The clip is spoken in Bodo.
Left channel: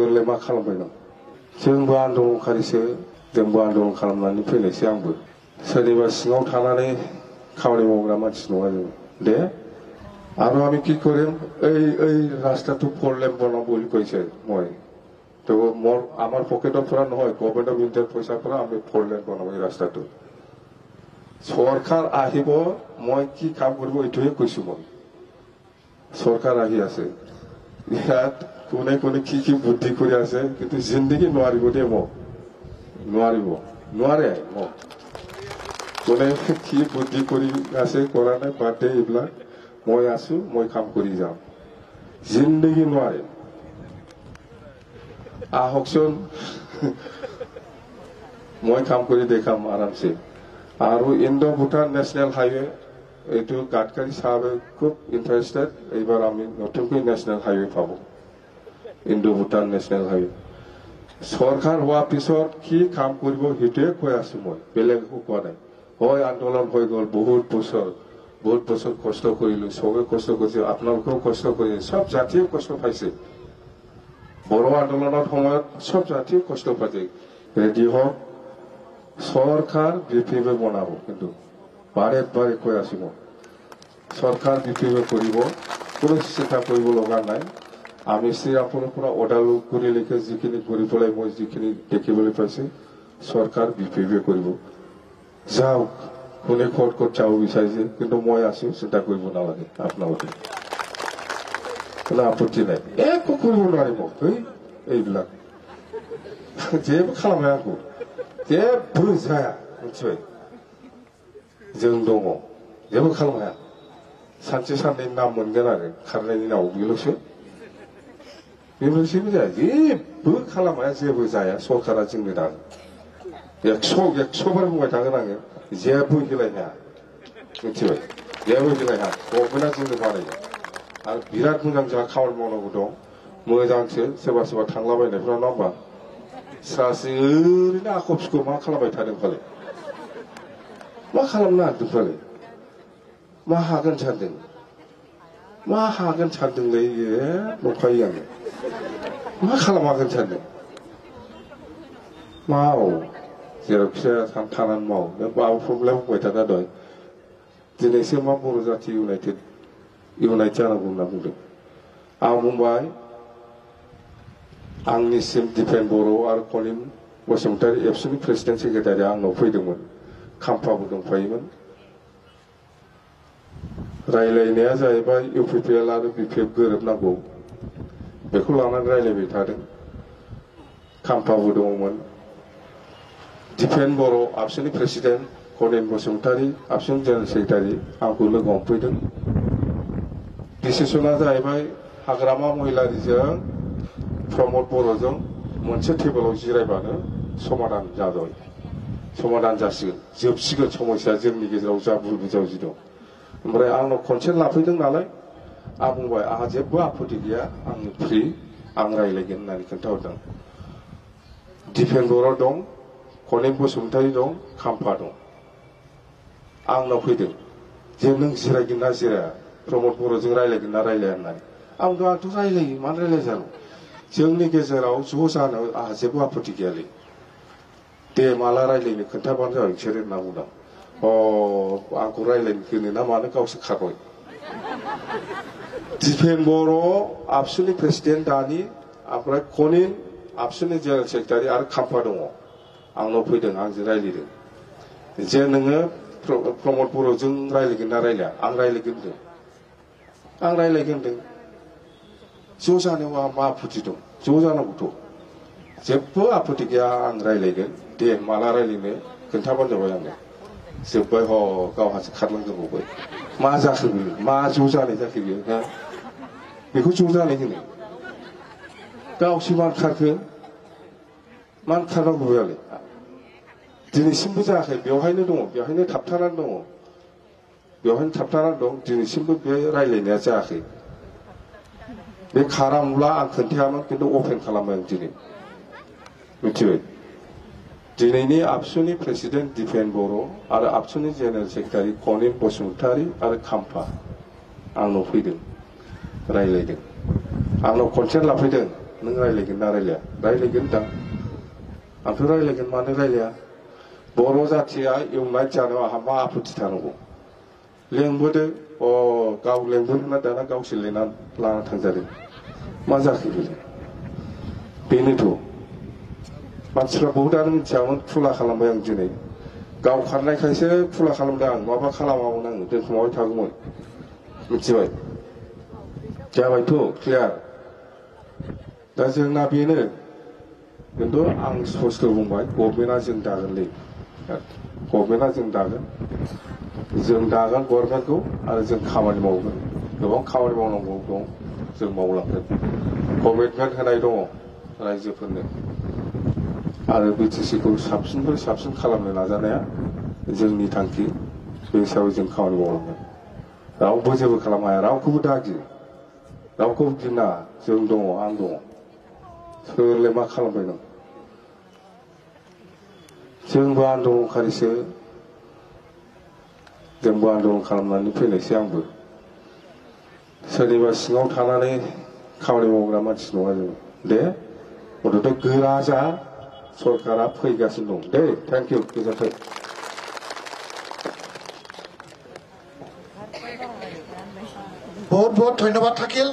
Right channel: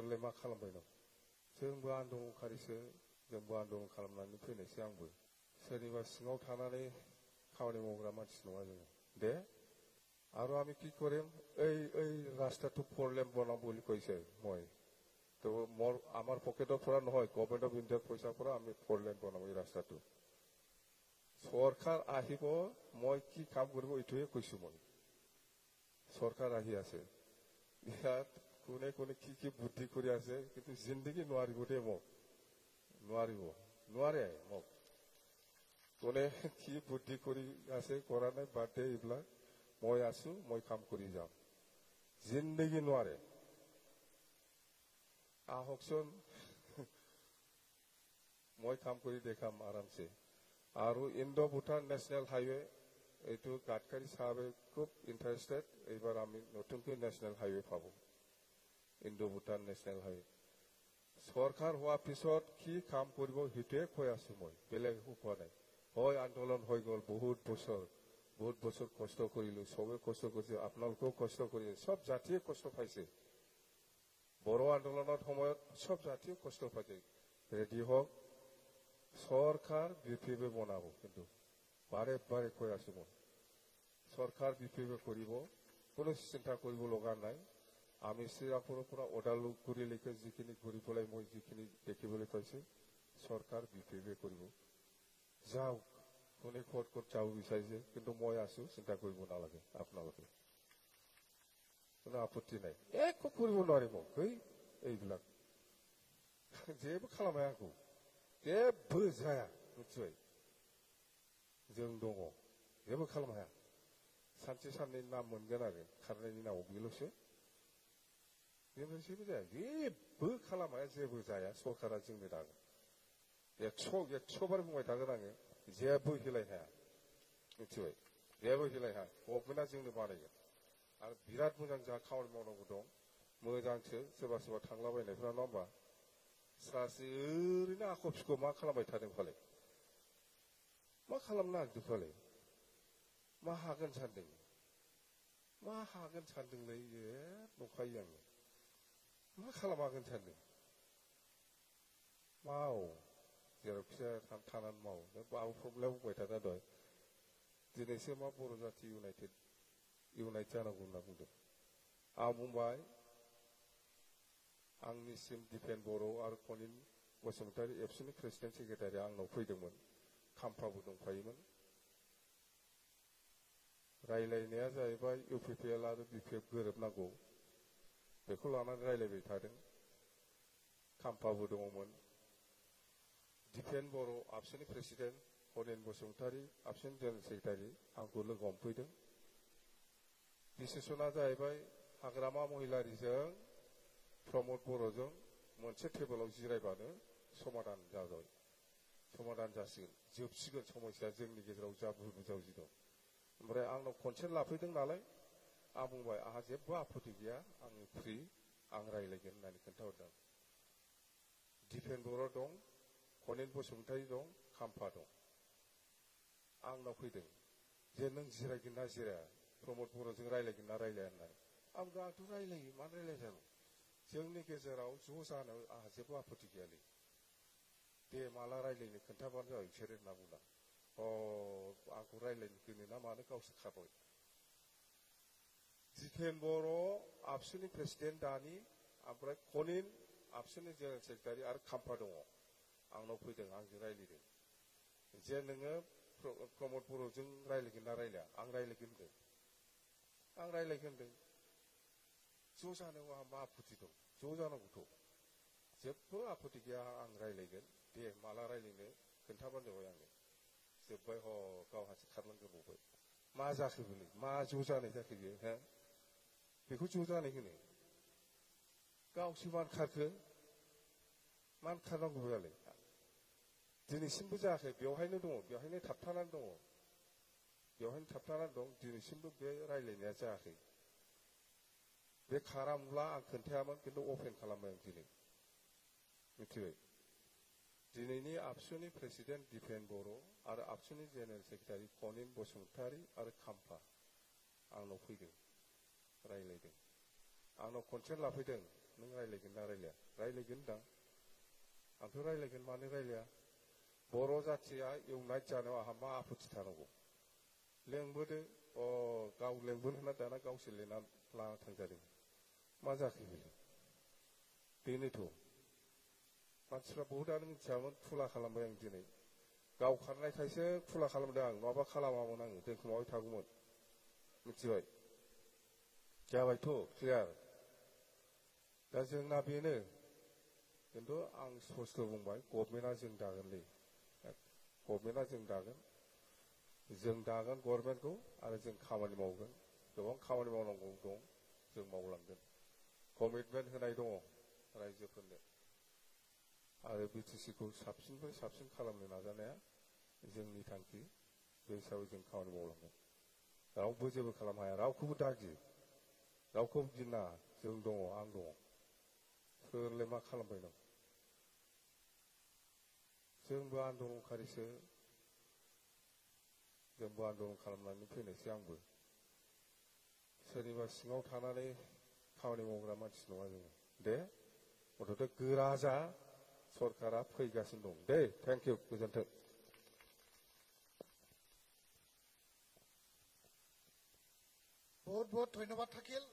नोंलाय मा खालामबाय दं जोंबो आन्दलनखारिसो जोंबो आन्दलन खालामनानै फैनायसो आंबो सोरनिबा सिङाव थानानै खामानि मावग्रा मानसि नङा जों दे আর আমি কি করিম এই রাস্তাটো 4 লেন বনাম বুলি কৈছে মই তো মোর আমার পকেটৰ পৰা নহয় গভৰ্ণমেন্ট অফ ইণ্ডিয়াৰ পইচাৰ পৰা আমি 4 লেন বনাম এই ৰাস্তাটো সরকার আহিব মই কি কাম কৰিব এইটোহে কৈছো মই সরকার আহি আছে ইয়াত কোনে কোনে কি বুদ্ধি কৰি আছে কিন্তু জিন্দগী নোৱাৰিব দে মোক নোৱাৰে মোক কোনে কি বুদ্ধি কৰি আছে কৰা নাই বাদে এইবিলাক মই আছো মই কাম কৰি যাম জিন্দগী নোৱাৰে আহকচোন মই কাম কৰি দেখাম আৰামছে আৰু ইণ্ডো ভুটান ন্যাশনাল হাইৱে এইটো গাডকাৰী সাহেবে খুব ইন্টারেস্টেড এইবাৰ আমি নতুনকৈ ন্যাশনাল হাইৱে পাব ইণ্ডো ভুটান ন্যাশনাল হাইৱে সরকার হওয়া পিছত কি কাম কৰিব সেইটোৱে কৈ আছো মই বেলেগ একো কোৱা নাই হয় আন্দোলন হৈ গল বহুত বছৰ কষ্ট কৰিলো সবে কষ্ট কৰিছে আপোনালোকেও কষ্ট কৰিছে সব জাতিয়ে কষ্ট পাইছে বড় আন্দোলনৰ সময়ত সব জাতিয়ে কষ্ট পাইছে ৰেডি হওক সরকার বিপিএফ বনাব কিন্তু বাৰে কৈ আছো মই সরকার বিপিএফ কৰিব কোনো চিন্তা কৰিব লগা নাই আমি শ্ৰীৰামপুৰৰ পৰা ওদালগুৰিলৈকে যিখিনি কৰি পেলাই মই যিখিনি দেখিবলৈ পাইছো সরকার বিপিএফ কৰিব যাওক কোনে ক'ত যাব বিচাৰিছে কিন্তু মই আছো চিন্তা কৰিব নালাগে আপোনালোকে কোনো আপত্তি নাই একো কৰিব নোৱাৰিব এইবিলাক जेबो खालामनो आंखौ जेबो जाया मिथिबाय जों दङ जेबो खालामनो हाया सानसे साननै नाम मोनगोन आरो खारनायनि नाव बेल'सो जाया जेबो खालामनो हाया जेबो जाया सरकारा जोंनो दा 100 बार बुंबाय थागोन आङो जेबो गेलायनो हाया मिथिबाय जेबो गेलायनो हाया गभर्नमेन्टआ जोंनो बानायो आरो बिराद मोजां जोंहा खामानि मावनांगौ दं मोजांसो सोरबा थांलाबायनायफ्रा नङा होमबा सासे ओरैनो आखबसिखौ मा खालामबाय थादों फालाय मा खालामनो नागिरदों फालाय मा हागोन सानदोंलै नंखायो आङो मा खालामहागोन सानदों माव जेरावखि जाया थानानै माव नों माबा प्रब्लेम बुंबाय थाखा दहाय दिनैसो मा बर' जाथि इउनाइटेड जानांगौ होनना बुंदों आं बुंबाय आंनिसिम दिपेन बर' आरो कनिम बसुमतारी एबसुनि प्रेसिडेन्ट सेक्रेटारिया आंनाव फैदोंमोन खाम्फाबो दंफायोमोन रायलायनाया जाहैबाय इउपिपिएल आरो बिपिएफ गोरोबनांगौ बेखौ लानानै रायलायबाय थादों खाम्फाबो दङमोन दिपेन बर' आबसुनि प्रेसिडेन्ट कनिम बसुमतारी आबसुनि जेनेरेल सेक्रेटारि आंखौ लोगो हमफैदों डिसिसना जाहैबाय हाग्रामा महिलारिजों प्रमद बर'जों मोनसे टेबोलाव जिरायबानो समाधान जासिगोन जोबसिगोन समस्या जोंनि गेजेराव जा भुल बुजाबुजि दं ओमफ्राय आंनाव कनसेन्ट लाफैदों नालाय आं बुंबाय आंहा जेबो आपत्ति गैया आं फ्रि आं रायलायगोन होननानै खोन्थाहरदों दिपेन बर' दं कनिम बसुमतारी दं खाम्फा दं आंनाव फैदों जे नों जिरायगोन ना जिराया प्रमद बर'जों रायलायगोन ना रायलाया होननानै आंथ' रायलायो मानो रायलाय जानो जोंनि गेजेराव ज' जानो आंहा जेबो आपत्ति गैयालै दे माला रायलायनो खोन्थाबानो जाबाय बिसोर होनना बुंदों आंखौ रायलायनो होनो ना मानो गावसो खारबाय दिपेन बर' आबसुनि प्रेसिडेन्ट दानि ओमफ्राय कनिम आबसुनि जेनेरेल सेक्रेटारि आरो खाम्फा दङ आंनाव फैदों आंजों रायलायदों जे नोङो प्रमद बर'जों रायलायगोन ना रायलाया आं रायलायगोन होनदों ज' जानायाव आंहा मा आपत्ति दं ज' जानांगौथ' जेबो आपत्ति गैया आं रायलायगोन दे माला रायलायनो खोन्थाबानो जाबाय आंनो जोब्बाय गावहासो खारलांजोबबाय मा जाखो बियो मा ज' जानाय जाखो बियो बेखौ ज' जानाय होनो गावसो मानो खारखो मानो खारनांगौ बेयालाय दिनैसिमबो जायाखै बेवहायनो दङ बेवहायनो थाबथानानै दं दिनैसिमबो बे रायलायनाया जायाखै बे खारामब्ला आं खोन्थायामोन खिन्थु अपेन खालामबाय आं दिनै मिथिबाय दिनैनि आबसुनि प्रेसिडेन्ट दिपेन बर' आरो आबसुनि जेनेरेल सेक्रेटारि कनिम बसुमतारी आरो खाम्फा आंनाव फैदों रायलायदों आंनाव कनसेन्ट लाफैदों नों रायलायगोन ना रायलाया रायलायगोन दां आंथ' रायलायगोन मानो रायलाया बर' जाथिया इउनाइट जानो आंहा मा आपत्ति थानांगौ लेंबोदो गाव लेंबोदोंना दाना गावसोर लिंनानै लाना थांजादों मा जाखो बेनोथ' मानसिफ्रा बहुदानो मिथियामोन खुला खालामबाय आं दिनै गाव खारनायखायसो खुला खालामदों आं माबा खालामामोन आङो दोनखुमाबाय थागौमोन मिथिबाय जाबायथ' क्लियार दा जोंना बेनो खिन्थु आं स्पस्ट' बुंबाय गभर्नमेन्टआ जों दागोनलै गभर्नमेन्टआ जों दागोन गभर्नमेन्टखौ आरो जों खामानि मावगोन गोबां खामानि मावनांगौ दं जों मावलांगोन कमिटमेन्ट होनाय दङ रायजोफोरनो आरो बिटिसिखौ साबसिननिफ्राय साबसिन खालामनो नाजानाया जोंनि थांखि बे हिसाबै जों खामानि मावलांगोन रावबो जेबो खालामनो हाया रावखौबो दागि रावखौबो गिना जों दङ आं दङ सोरलाय मा खालामबाय नों जोंबो आन्दलनखारिसो जोंबो आन्दलन खालामनानै फैनायसै आंबो सोरनिबा सिङाव थानानै खामानि मावग्रा मानसि नङा जों दे गथ'थ' गोरा जा सरकारा फैगासिनो दं दे थेंक इउ गोजोन्थों बहुत बहुत धन्यवाद थाकिल।